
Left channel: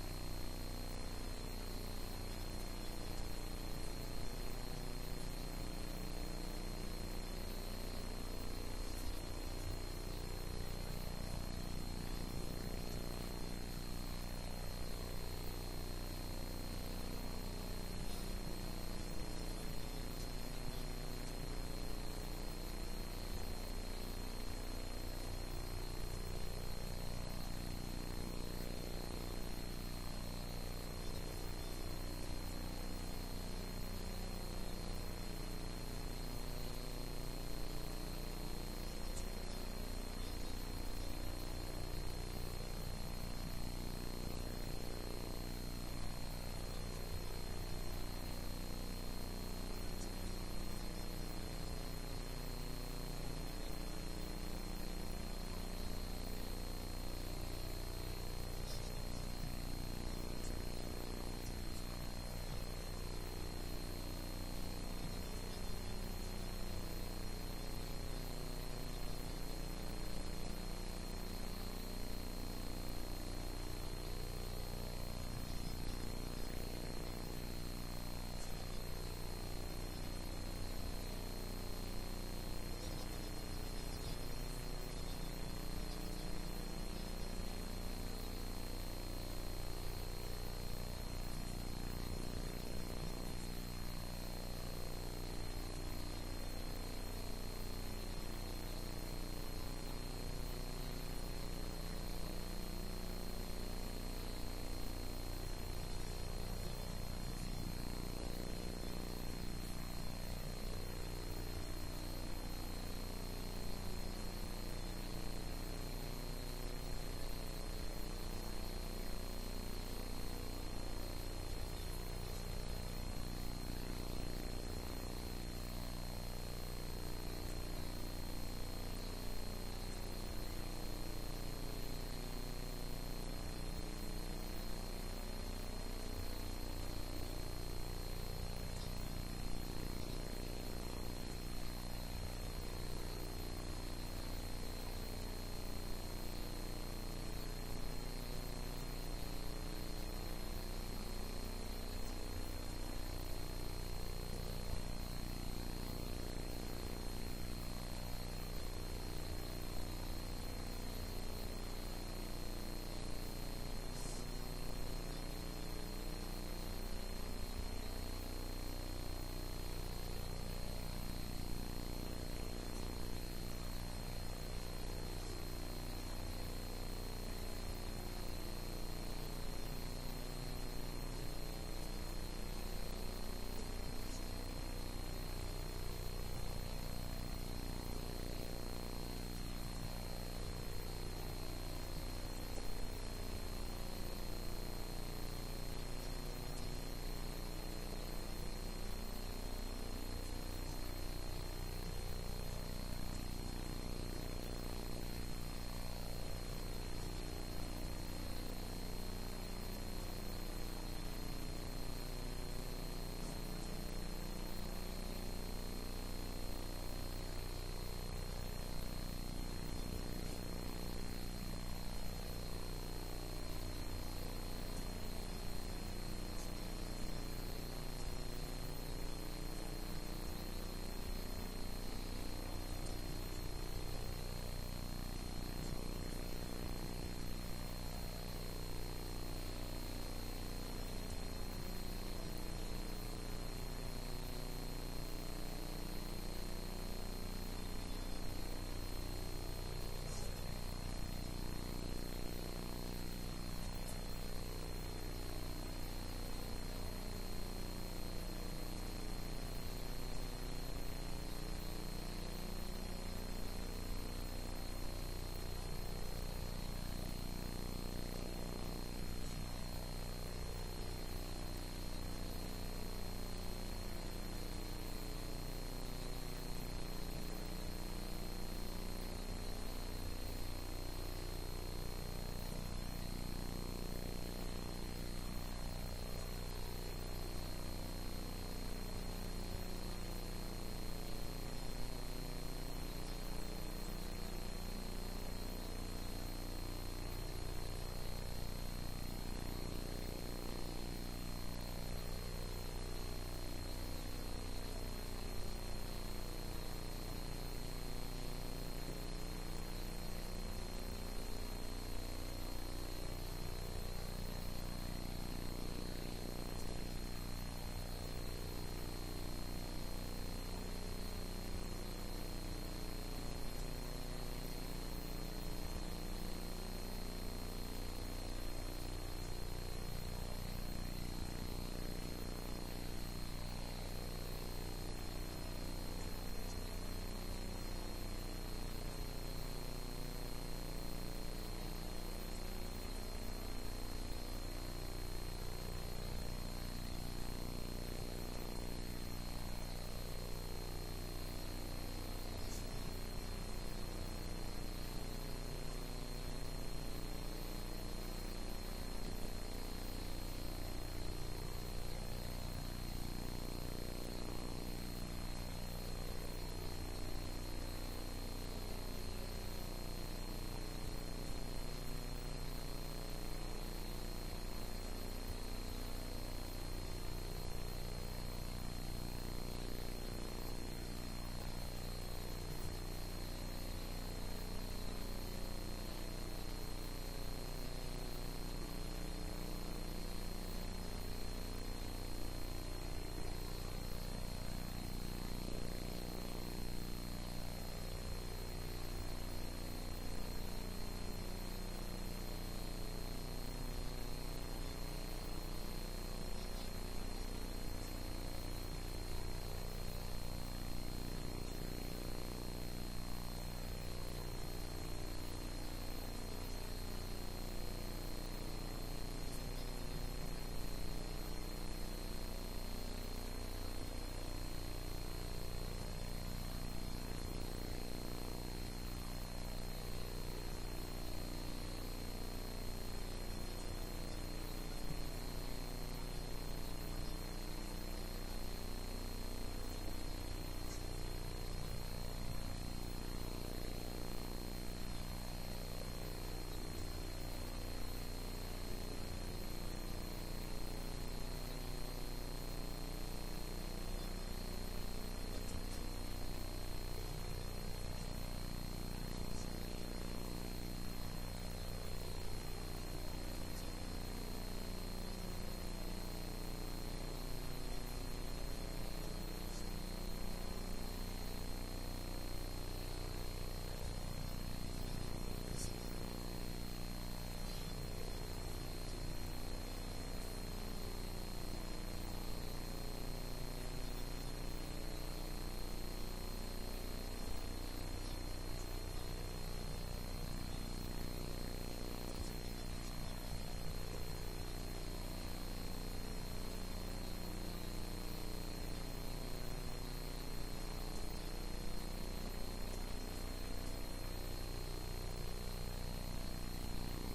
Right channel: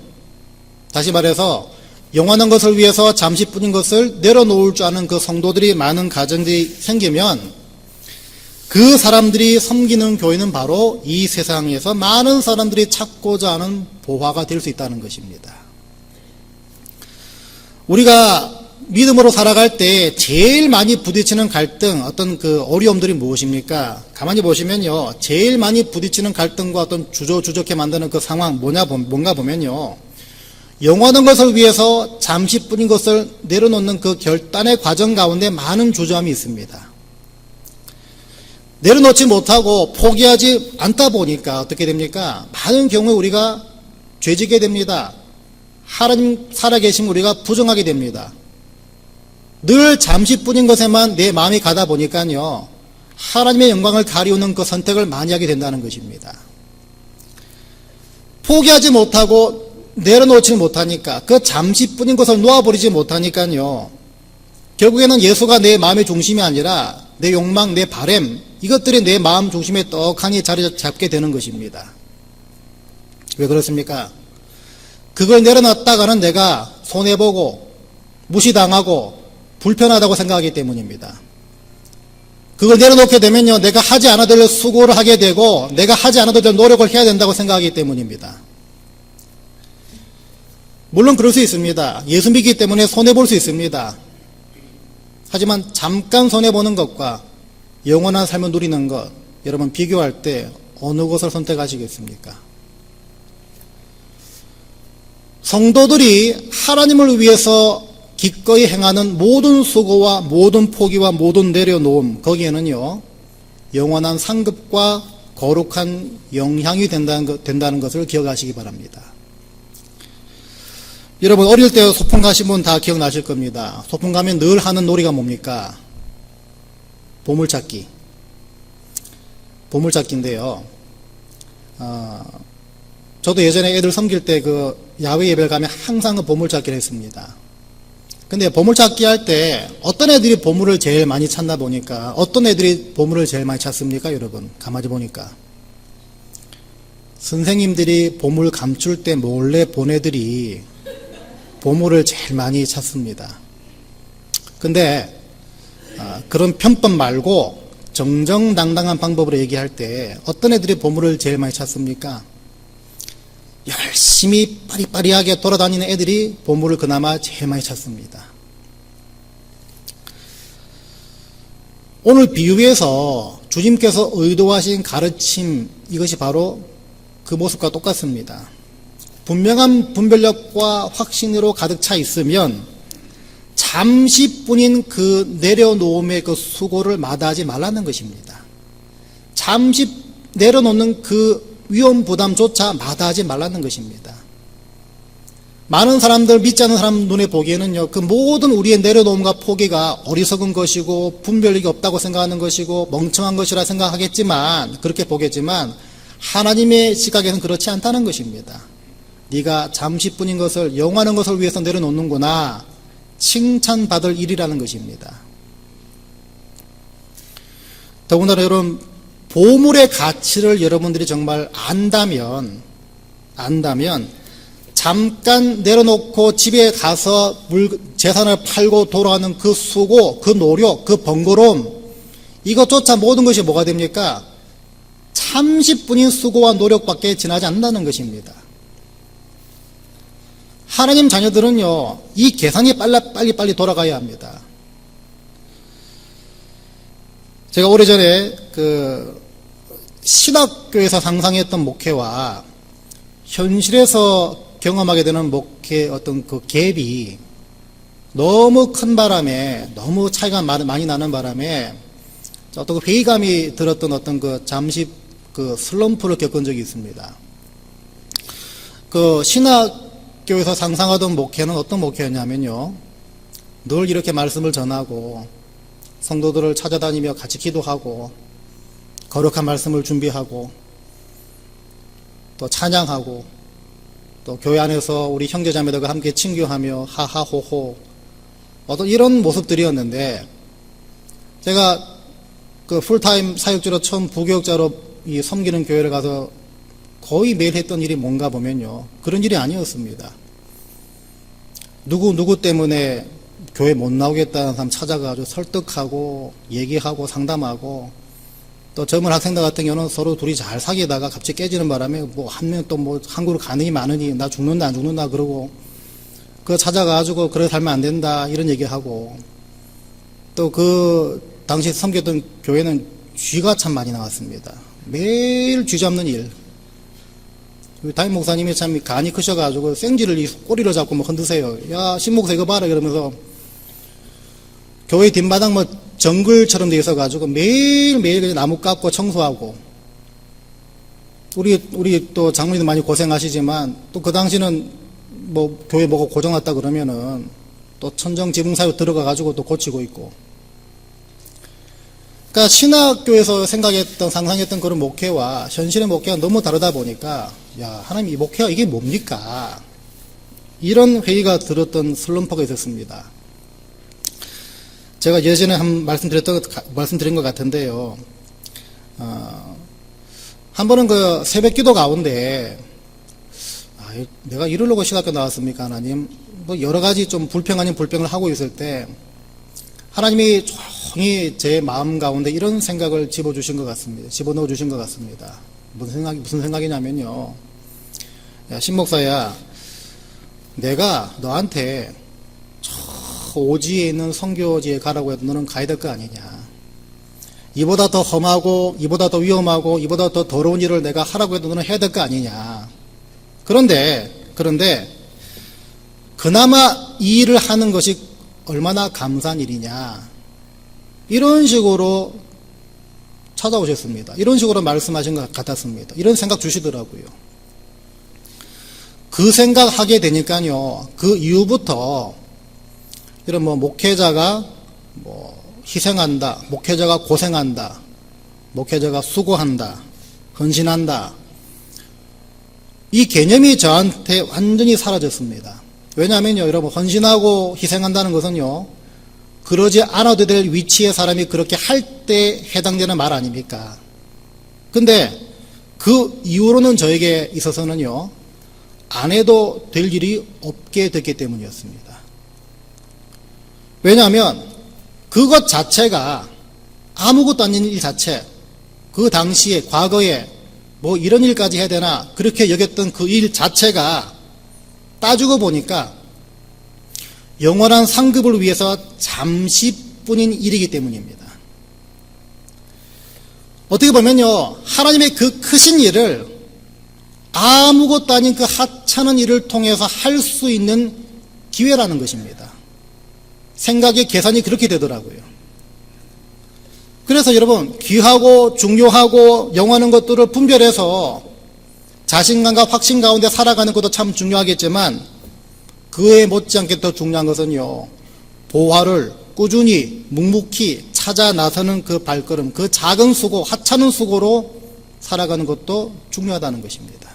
다시 말해서 영원한 것을 위해서 잠시뿐인 것을 내려놓을 줄 아는 그 성도들이 많은 가정들이 생기면 그 사람들이 섬기는 교회는 바로 이 세상에서 많은 사람들이 찾고자 하는 보화가 될 수 있다는 것입니다. 우리가 믿음으로 살아갈 때 제일 많이 부딪히는 갈등, 어떤 그 어려움들이 무엇입니까? 가만히 보시면요, 제일 많이 부딪히는 갈등과 어떤 주저주저케 만드는 그 상황 뭔가 보면요, 영원한 것을 위해서 잠시뿐인 것을 내려놓는 그 결단의 과정 가운데 많은 주저함이 있습니다. 내려놓지 못하고 포기하지 않다 보니까 어떻게 됩니까? 많은 경우에 우리가 죄지게 됩니다. 하나님 살아계신 우리가 부정하게 됩니다. 늘 잠시뿐인 것에만 내 마음이 가다 보니까요, 하나님의 영광을 가리우는 그 선택을 많이 하게 된다는 것입니다. 포기하지 못하고 내려놓지 못하니까, 그 잠시뿐인 것을 놓아버리지 못하니까요, 결국에는 예수가 내 마음의 중심이 아니라 내 욕망, 내 바램, 이것들이 내 마음 중심에 떡하니 자리 잡게 되는 것입니다. 왜 그렇습니까? 그걸 내려놨다가는 내가 손해보고 무시당하고 불편하다고 생각하기 때문입니다. 그걸 내려놓게 되면요, 내가 하지 않아도 될 수고를 하게 되고 내가 하지 않아도 될 노력을 해야 된다고 생각하기 때문입니다. 물론 그럴 수 있습니다. 예수 믿기 때문에 손해볼 수 있습니다. 하지만 잠깐 손해보는 것과 영원한 삶을 누리는 것, 여러분 비교할 때 어느 것을 선택하시겠습니까? 성도들이 하나님을 위해서 기꺼이 행하는 모든 수고와 모든 포기와 모든 내려놓음, 거기에는요, 영원한 상급과 거룩한 영향이 된다는 것을 기억하시기 바랍니다. 여러분 어릴 때 소풍 가신 분 다 기억나실 겁니다. 소풍 가면 늘 하는 놀이가 뭡니까? 보물찾기. 보물찾기인데요. 저도 예전에 애들 섬길 때 그 야외 예배를 가면 항상 그 보물찾기를 했습니다. 근데 보물찾기 할 때 어떤 애들이 보물을 제일 많이 찾나 보니까, 어떤 애들이 보물을 제일 많이 찾습니까? 여러분 가만히 보니까 선생님들이 보물 감출 때 몰래 본 애들이 보물을 제일 많이 찾습니다. 근데 그런 편법 말고 정정당당한 방법으로 얘기할 때 어떤 애들이 보물을 제일 많이 찾습니까? 열심히 빠리빠리하게 돌아다니는 애들이 보물을 그나마 제일 많이 찾습니다. 오늘 비유에서 주님께서 의도하신 가르침, 이것이 바로 그 모습과 똑같습니다. 분명한 분별력과 확신으로 가득 차 있으면 잠시뿐인 그 내려놓음의 그 수고를 마다하지 말라는 것입니다. 잠시 내려놓는 그 위험 부담조차 마다하지 말라는 것입니다. 많은 사람들, 믿지 않는 사람 눈에 보기에는요, 그 모든 우리의 내려놓음과 포기가 어리석은 것이고 분별력이 없다고 생각하는 것이고 멍청한 것이라 생각하겠지만, 그렇게 보겠지만 하나님의 시각에서는 그렇지 않다는 것입니다. 네가 잠시뿐인 것을, 영원한 것을 위해서 내려놓는구나, 칭찬받을 일이라는 것입니다. 더군다나 여러분, 보물의 가치를 여러분들이 정말 안다면 잠깐 내려놓고 집에 가서 재산을 팔고 돌아가는 그 수고, 그 노력, 그 번거로움, 이것조차 모든 것이 뭐가 됩니까? 30분인 수고와 노력밖에 지나지 않는다는 것입니다. 하나님 자녀들은요, 이 계산이 빨리 돌아가야 합니다. 제가 오래전에 신학교에서 상상했던 목회와 현실에서 경험하게 되는 목회 어떤 그 갭이 너무 큰 바람에, 너무 차이가 많이 나는 바람에 어떤 회의감이 들었던 어떤 잠시 슬럼프를 겪은 적이 있습니다. 신학교에서 상상하던 목회는 어떤 목회였냐면요, 늘 이렇게 말씀을 전하고 성도들을 찾아다니며 같이 기도하고 거룩한 말씀을 준비하고 또 찬양하고 또 교회 안에서 우리 형제자매들과 함께 친교하며 하하호호, 어떤 이런 모습들이었는데, 제가 풀타임 사역자로 처음 부교육자로 섬기는 교회를 가서 거의 매일 했던 일이 뭔가 보면요, 그런 일이 아니었습니다. 누구 때문에 교회 못 나오겠다는 사람 찾아가지고 설득하고 얘기하고 상담하고, 또 젊은 학생들 같은 경우는 서로 둘이 잘 사귀다가 갑자기 깨지는 바람에 한 명 또 한국으로 가느니 마느니, 나 죽는다 안 죽는다 그러고, 그거 찾아가지고 그래 살면 안 된다 이런 얘기하고, 또 그 당시 섬겼던 교회는 쥐가 참 많이 나왔습니다. 매일 쥐 잡는 일. 담임 목사님이 참 간이 크셔가지고 생쥐를 이 꼬리를 잡고 뭐 흔드세요. 야, 신목사 이거 봐라 이러면서 교회 뒷마당 뭐 정글처럼 돼 있어가지고 매일매일 나무 깎고 청소하고, 우리 또 장로님도 많이 고생하시지만 또 그 당시는 뭐 교회 뭐가 고장났다 그러면은 또 천정지붕사유 들어가가지고 또 고치고 있고. 그러니까 신학교에서 생각했던 상상했던 그런 목회와 현실의 목회가 너무 다르다 보니까, 야, 하나님 이 목회가 이게 뭡니까? 이런 회의가 들었던 슬럼프가 있었습니다. 제가 예전에 말씀드린 것 같은데요. 한 번은 그 새벽 기도 가운데, 내가 이러려고 신학교 나왔습니까, 하나님? 뭐 여러 가지 좀 불평 아닌 불평을 하고 있을 때, 하나님이 조용히 제 마음 가운데 이런 생각을 집어넣어 주신 것 같습니다. 무슨 생각이냐면요. 야, 신목사야, 내가 너한테 저 오지에 있는 선교지에 가라고 해도 너는 가야 될 거 아니냐. 이보다 더 험하고, 이보다 더 위험하고, 이보다 더 더러운 일을 내가 하라고 해도 너는 해야 될 거 아니냐. 그런데, 그나마 이 일을 하는 것이 얼마나 감사한 일이냐. 이런 식으로 찾아오셨습니다. 이런 식으로 말씀하신 것 같았습니다. 이런 생각 주시더라고요. 그 생각하게 되니까요, 그 이후부터 이런 뭐 목회자가 뭐 희생한다, 목회자가 고생한다, 목회자가 수고한다, 헌신한다, 이 개념이 저한테 완전히 사라졌습니다. 왜냐하면요, 여러분, 헌신하고 희생한다는 것은요, 그러지 않아도 될 위치의 사람이 그렇게 할 때 해당되는 말 아닙니까? 근데 그 이후로는 저에게 있어서는요, 안 해도 될 일이 없게 됐기 때문이었습니다. 왜냐하면 그것 자체가 아무것도 아닌 일 자체, 그 당시에 과거에 뭐 이런 일까지 해야 되나 그렇게 여겼던 그 일 자체가 따지고 보니까 영원한 상급을 위해서 잠시뿐인 일이기 때문입니다. 어떻게 보면요, 하나님의 그 크신 일을 아무것도 아닌 그 하찮은 일을 통해서 할 수 있는 기회라는 것입니다. 생각의 계산이 그렇게 되더라고요. 그래서 여러분, 귀하고 중요하고 영원한 것들을 분별해서 자신감과 확신 가운데 살아가는 것도 참 중요하겠지만, 그에 못지않게 더 중요한 것은요, 보화를 꾸준히 묵묵히 찾아 나서는 그 발걸음, 그 작은 수고, 하찮은 수고로 살아가는 것도 중요하다는 것입니다.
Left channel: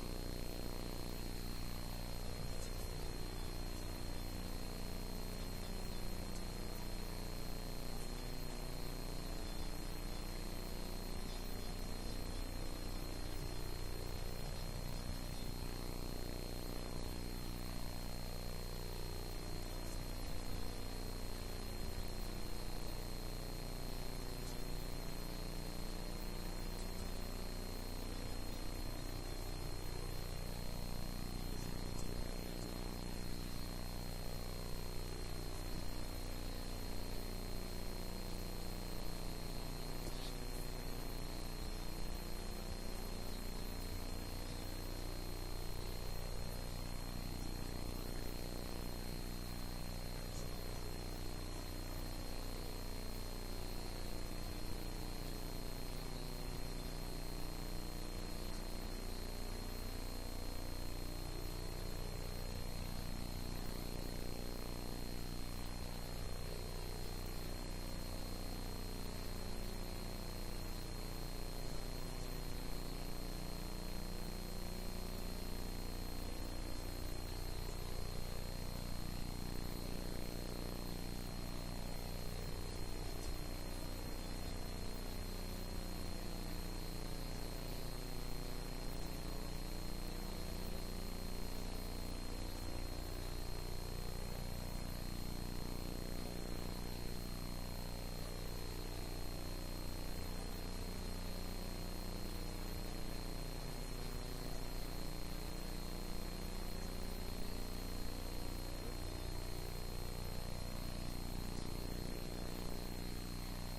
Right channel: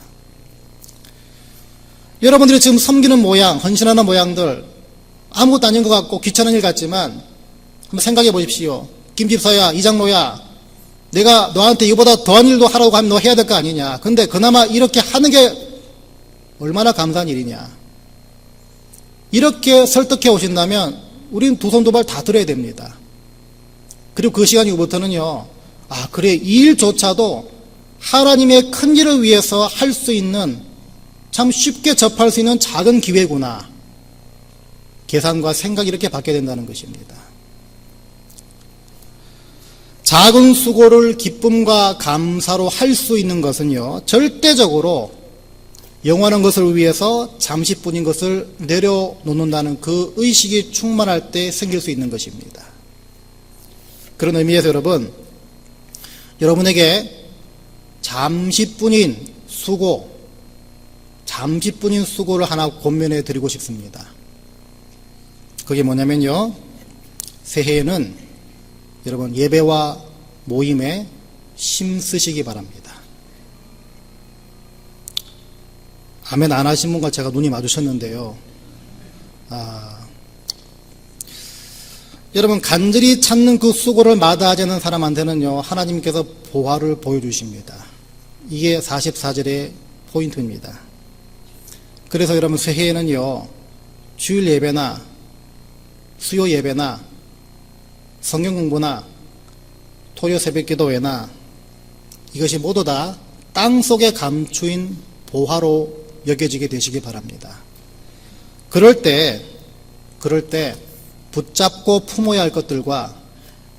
여러분들이 지금 섬기는 모양, 헌신하는 모양들 아무것도 아닌 것 같고 귀찮은 일 같지만 한번 생각해 보십시오. 김집사야, 이장로야, 내가 너한테 이보다 더한 일도 하라고 하면 너 해야 될 거 아니냐. 근데 그나마 이렇게 하는 게 얼마나 감사한 일이냐. 이렇게 설득해 오신다면 우리는 두 손 두 발 다 들어야 됩니다. 그리고 그 시간 이후부터는요, 아, 그래, 이 일조차도 하나님의 큰 일을 위해서 할 수 있는, 참 쉽게 접할 수 있는 작은 기회구나. 계산과 생각이 이렇게 바뀌어야 된다는 것입니다. 작은 수고를 기쁨과 감사로 할 수 있는 것은요, 절대적으로 영원한 것을 위해서 잠시뿐인 것을 내려놓는다는 그 의식이 충만할 때 생길 수 있는 것입니다. 그런 의미에서 여러분에게 잠시뿐인 수고를 하나 권면해 드리고 싶습니다. 그게 뭐냐면요, 새해에는 여러분 예배와 모임에 힘쓰시기 바랍니다. 아멘 안 하신 분과 제가 눈이 마주쳤는데요. 여러분, 간절히 찾는 그 수고를 마다하지 않는 사람한테는요, 하나님께서 보화를 보여주십니다. 이게 44절의 포인트입니다. 그래서 여러분, 새해에는요, 주일 예배나 수요 예배나 성경 공부나 토요 새벽 기도회나 이것이 모두 다 땅속에 감추인 보화로 여겨지게 되시기 바랍니다. 그럴 때 붙잡고 품어야 할 것들과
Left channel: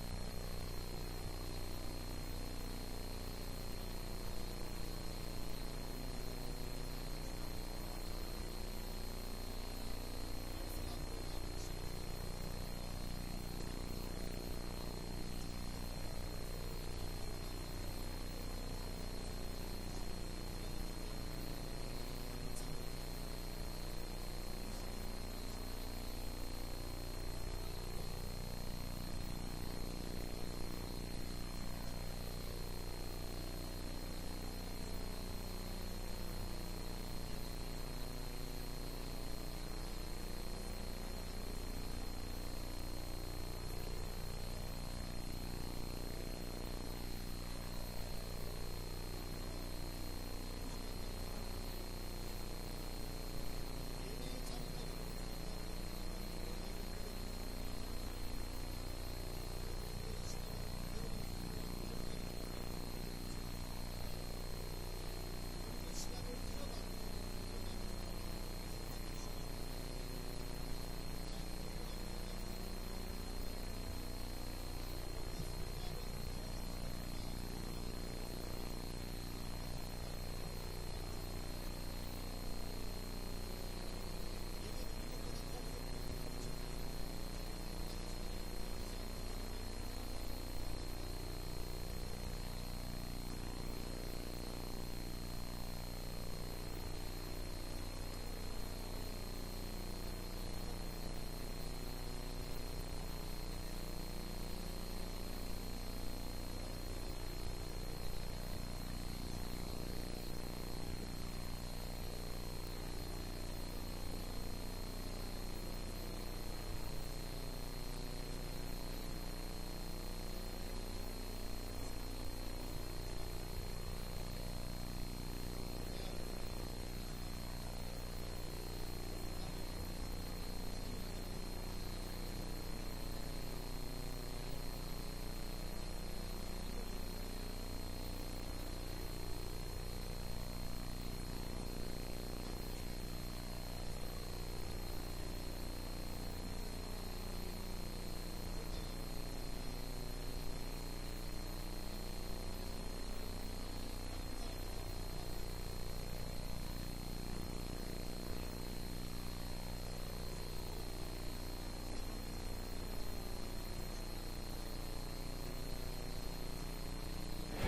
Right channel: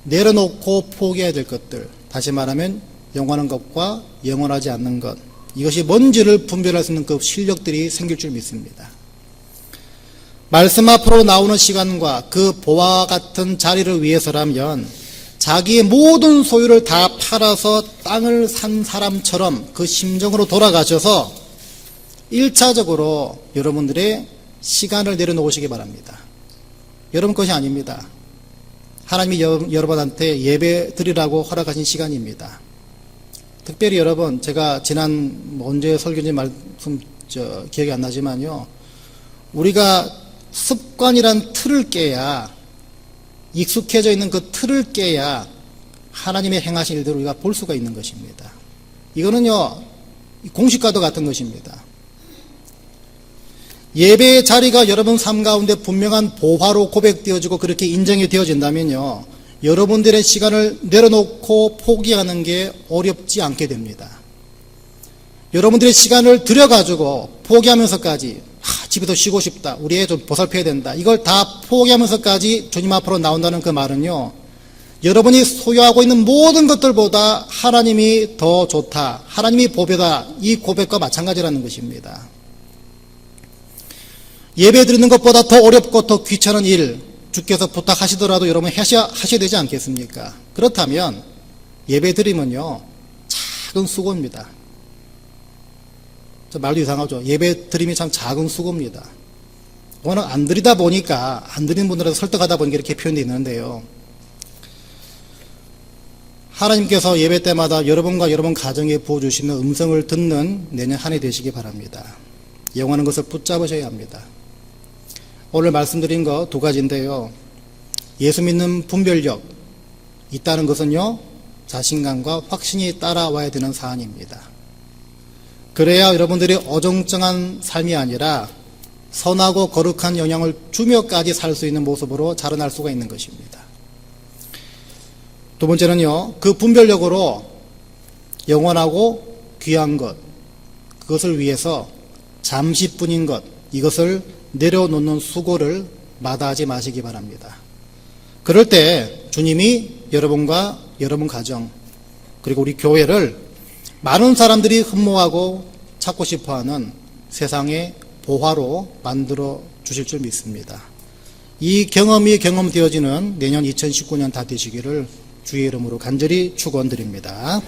내려놓고 포기해야 될 것들, 다시 말하면 영원한 것과 영원하지 않는 것, 이것이 뭔지를 분별할 수 있는 그 실력들이 생길 줄 믿습니다. 말씀 앞으로 나오는 시간과 그 보와 같은 자리를 위해서라면 자기의 모든 소유를 다 팔아서 땅을 산 사람처럼 그 심정으로 돌아가셔서 1차적으로 여러분들의 시간을 내려놓으시기 바랍니다. 여러분 것이 아닙니다. 하나님이 여러분한테 예배 드리라고 허락하신 시간입니다. 특별히 여러분, 제가 지난 언제 설교인지 말씀 기억이 안 나지만요, 우리가 습관이란 틀을 깨야, 익숙해져 있는 그 틀을 깨야 하나님의 행하신 일들을 우리가 볼 수가 있는 것입니다. 이거는요, 공식과도 같은 것입니다. 예배의 자리가 여러분 삶 가운데 분명한 보화로 고백되어지고 그렇게 인정이 되어진다면요, 여러분들의 시간을 내려놓고 포기하는 게 어렵지 않게 됩니다. 여러분들의 시간을 들여가지고 포기하면서까지 집에서 쉬고 싶다, 우리 애 좀 보살펴야 된다, 이걸 다 포기하면서까지 주님 앞으로 나온다는 그 말은요, 여러분이 소유하고 있는 모든 것들보다 하나님이 더 좋다, 하나님이 보배다, 이 고백과 마찬가지라는 것입니다. 예배 드리는 것보다 더 어렵고 더 귀찮은 일 주께서 부탁하시더라도 여러분 하셔야 되지 않겠습니까? 그렇다면 예배 드리면요, 작은 수고입니다. 말도 이상하죠. 예배 드림이 참 작은 수고입니다. 워낙 안 드리다 보니까, 안 드리는 분들한테 설득하다 보니까 이렇게 표현되어 있는데요, 하나님께서 예배 때마다 여러분과 여러분 가정에 부어주시는 음성을 듣는 내년 한 해 되시기 바랍니다. 영원한 것을 붙잡으셔야 합니다. 오늘 말씀드린 거 두 가지인데요, 예수 믿는 분별력 있다는 것은요, 자신감과 확신이 따라와야 되는 사안입니다. 그래야 여러분들이 어정쩡한 삶이 아니라 선하고 거룩한 영향을 주며까지 살 수 있는 모습으로 자라날 수가 있는 것입니다. 두 번째는요, 그 분별력으로 영원하고 귀한 것, 그것을 위해서 잠시뿐인 것, 이것을 내려놓는 수고를 마다하지 마시기 바랍니다. 그럴 때 주님이 여러분과 여러분 가정, 그리고 우리 교회를 많은 사람들이 흠모하고 찾고 싶어하는 세상의 보화로 만들어 주실 줄 믿습니다. 이 경험이 경험되어지는 내년 2019년 다 되시기를 주의 이름으로 간절히 축원드립니다.